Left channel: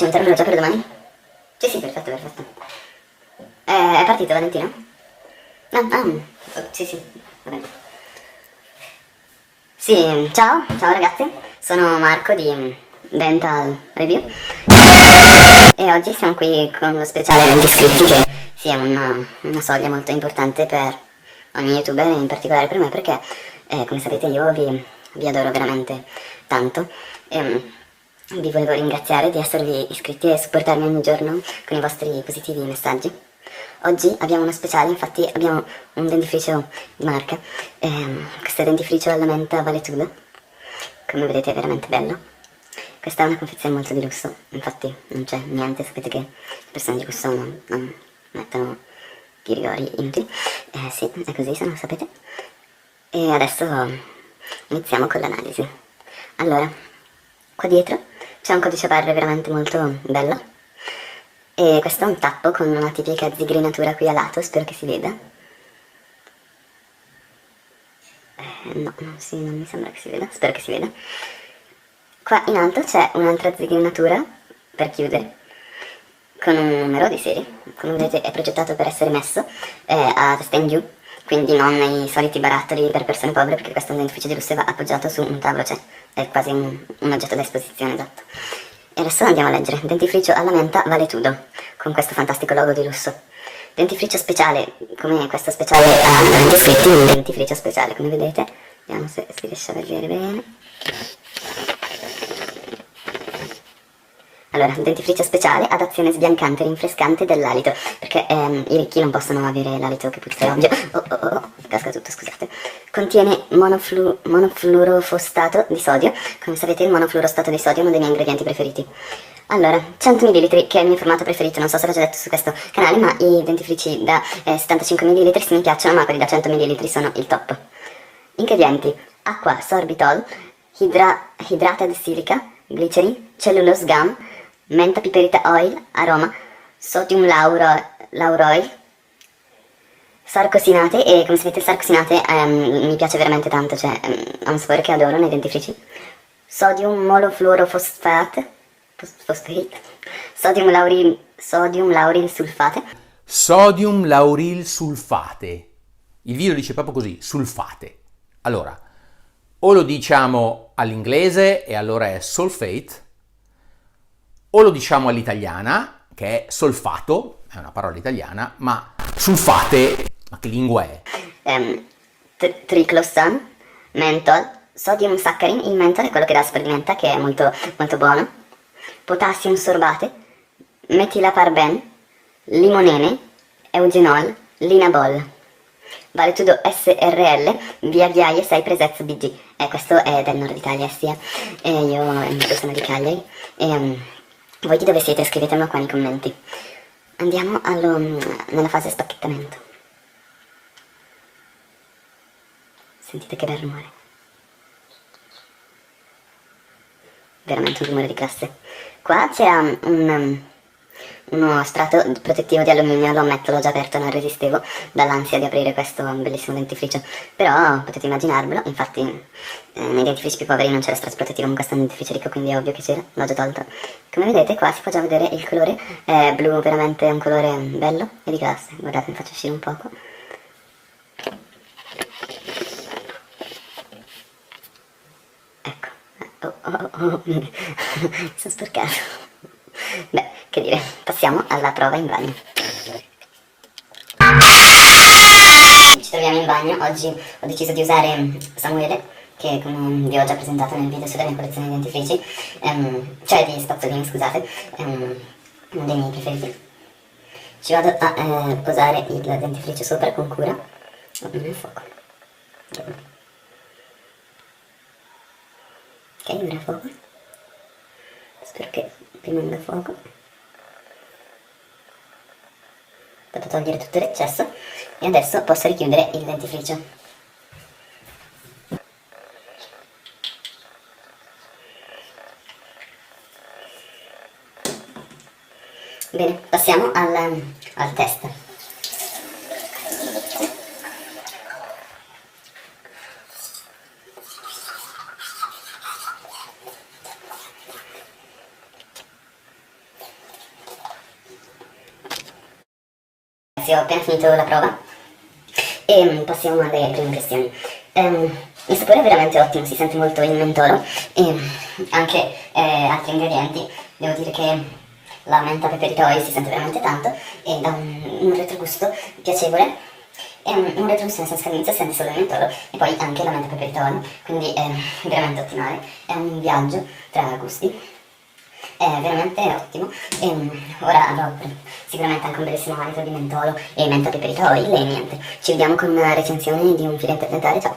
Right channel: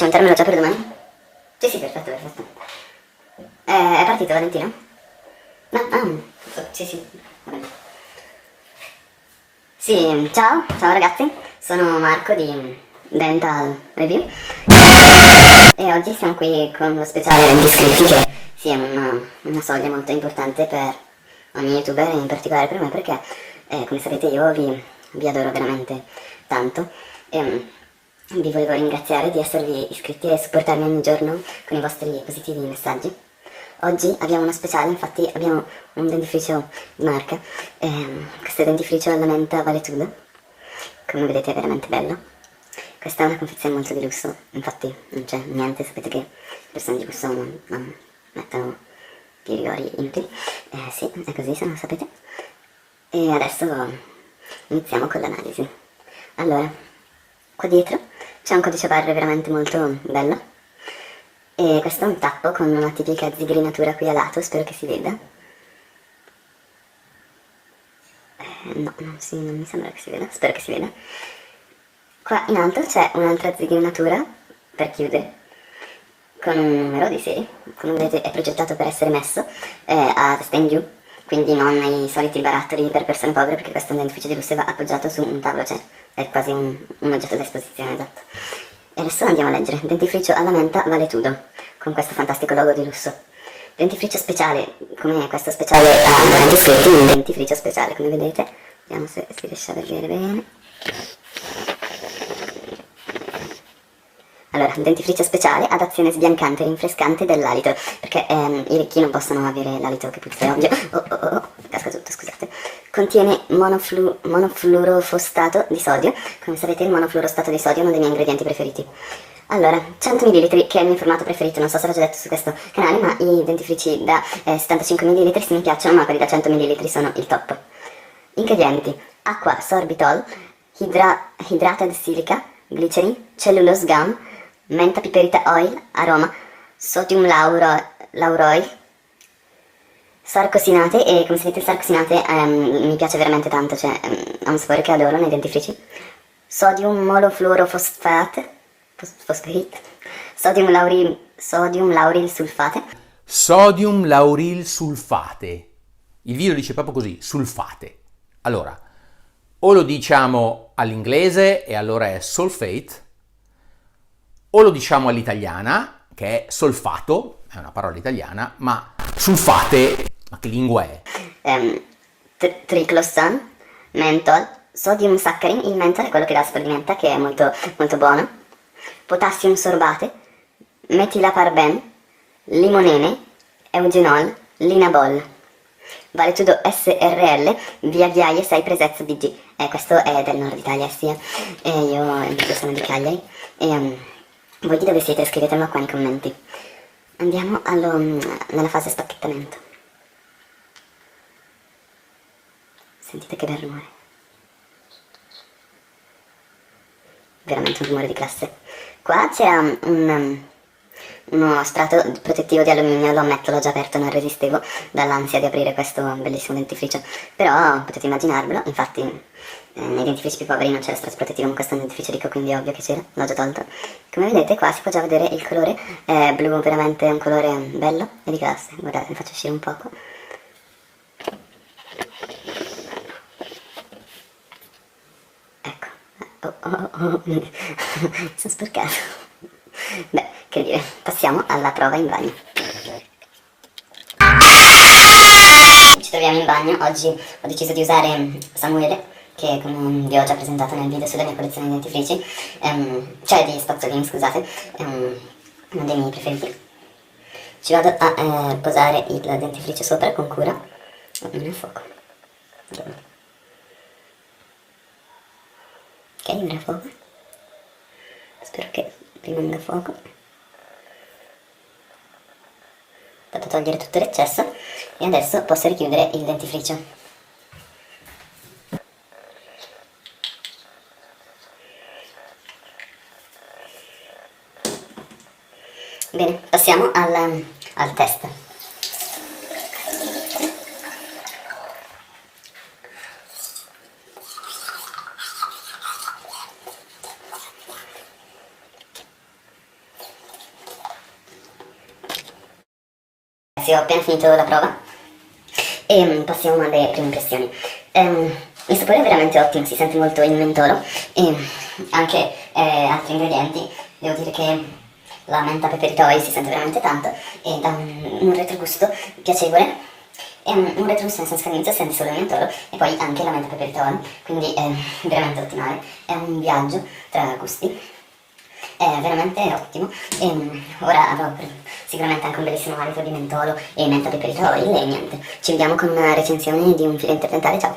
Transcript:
cimentarmelo già per domani? Sì, sì, perfetto, perfetto. È partito Valentino? No, sì, sì, va bene. Sì, ciao ragazzi, sono Marco di Dental Review e oggi siamo qui con lo speciale 20 iscritti che sì, è una soglia molto importante per ogni youtuber e in particolare per me perché come sapete io vi adoro veramente tanto e vi volevo ringraziare di esservi iscritti e supportarmi ogni giorno con i vostri positivi messaggi. Oggi abbiamo uno speciale, infatti abbiamo un dentifricio di marca, questo dentifricio alla menta Valetuda, come vedete è veramente bello. Questa è una confezione molto di lusso, infatti non c'è niente, sapete che le persone di lusso non mettono i rigori inutili, sì, è così se non lo sapete. E adesso iniziamo con l'analisi. Allora, qua dietro c'è un codice barre veramente molto bello. E questo è un tappo con una tipica zigrinatura qui a lato, spero che si veda. No, non mi sembra che si veda, spero che si veda. Qua in alto c'è un'altra zigrinatura per chiudere, con un numero di serie. Come vedete è progettato per essere messo a testa in giù, quindi non nei soliti barattoli per persone povere, perché questo è un dentifricio di lusso e va appoggiato su un tavolo, cioè è quasi un oggetto da esposizione, esatto. E adesso andiamo a leggere. Dentifricio alla menta Valetudo, con questo fantastico logo di lusso. Dentifricio speciale, come questo speciale a 20 iscritti, ma un dentifricio speciale, come vedete. Vediamo se si riesce a vedere bene. Allora, dentifricio speciale ad azione sbiancante e rinfrescante dell'alito, perché i ricchi non possono avere l'alito che puzza, è ovvio. Casca tutto, scusate. Contiene monofluorofostato di sodio. Come sapete il monofluorostato di sodio è uno dei miei ingredienti preferiti. Allora, 100 ml, che è il mio formato preferito, non so se l'ho già detto su questo canale, ma i dentifrici da 75 ml sì mi piacciono, ma quelli da 100 ml sono il top. Ingredienti: acqua, sorbitol, hydrated silica, glycerin, cellulose gum, menta piperita oil, aroma, sodium lauroil, sarcosinate, e come sapete il sarcosinate mi piace veramente tanto, cioè è un sapore che adoro nei dentifrici. Sodium monofluorofosfate, sodium lauril sulfate. Sodium lauril sulfate. Il video dice proprio così, sulfate. Allora, o lo diciamo all'inglese e allora è sulfate, o lo diciamo all'italiana, che è solfato, è una parola italiana, ma sulfate, ma che lingua è? Triclosan, menthol, sodium saccharin, il menthol è quello che dà il sapore di menta, che è molto, molto buono, potassium sorbate, metilaparben, limonene, eugenol, linabol, Valetudo SRL, via Viaie 6 Presez BG. Questo è del nord Italia, sì. E io sono di Cagliari. Voi di dove siete? Scrivetemelo qua nei commenti. Andiamo nella fase spacchettamento. Sentite che bel rumore. Veramente un rumore di classe. Qua c'era uno strato protettivo di alluminio, lo ammetto, l'ho già aperto, non resistevo dall'ansia di aprire questo bellissimo dentifricio. Però potete immaginarvelo, infatti nei dentifrici più poveri non c'era strato protettivo, ma questo è un dentifricio ricco, quindi è ovvio che c'era, l'ho già tolto. Come vedete qua si può già vedere il colore, è blu, veramente un colore bello e di classe. Guardate, vi faccio uscire un poco. Mi sono sporcato. Beh, che dire, passiamo alla prova in bagno. Ci troviamo in bagno, oggi ho deciso di usare Samuele, che come vi ho già presentato nel video sulla mia collezione di dentifrici, cioè di spazzolini, scusate, è uno dei miei preferiti. Ci vado a posare il dentifricio sopra con cura. Non è fuoco. Ok, non è fuoco. Spero che rimanga fuoco. Vado a togliere tutto l'eccesso e adesso posso richiudere il dentifricio. Bene, passiamo al test. ragazzi, ho appena finito la prova e passiamo alle prime impressioni. Il sapore è veramente ottimo, si sente molto il mentolo e anche altri ingredienti. Devo dire che la menta peperitoi si sente veramente tanto e dà un retrogusto piacevole. È un retrogusto nel senso che all'inizio senti solo il mentolo e poi anche la menta peperitoi, quindi è veramente ottimale. È un viaggio tra gusti. È veramente ottimo e ora avrò sicuramente anche un bellissimo alito di mentolo e menta peperitoi e niente. Ci vediamo con una recensione di un filo interdentale, ciao!